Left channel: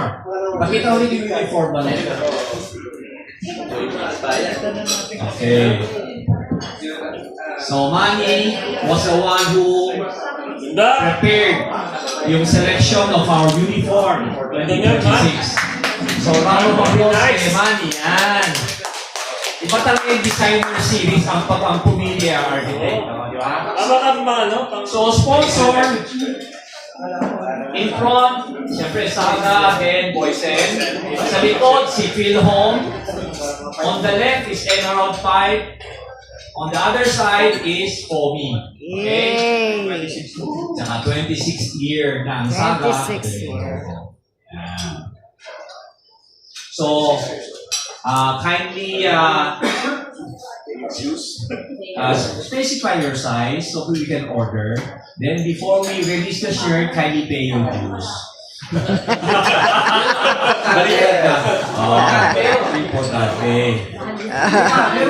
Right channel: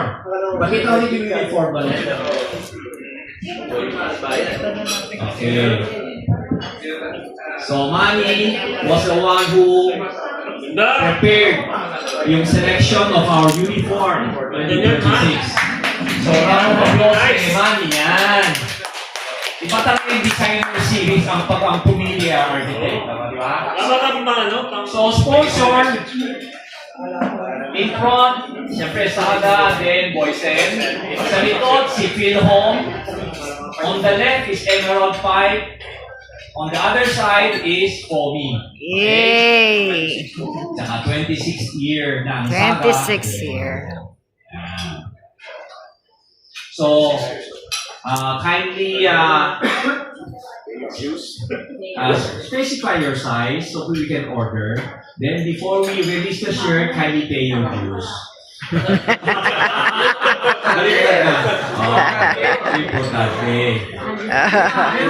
uniform. Pakita ulit yung uniform mo. Okay. So, Manny was the one who prepared yung selection of our uniform for 2026. So, round of applause kay Manny. Yan. Iba talaga yung designer series ang pumili ang architect. Di ba? So, sponsor, in front, siyempre Sada, then Boysen. Sa likod, si Phil Home. On the left is Emerald 5. On the other side is Fomi. Yay! Tsaka 26th year na ang Saga. 26th year. So, kindly specify your size so we can order. Then before we release the shirt, kindly pay your dues. Balikan na. Importante. Pero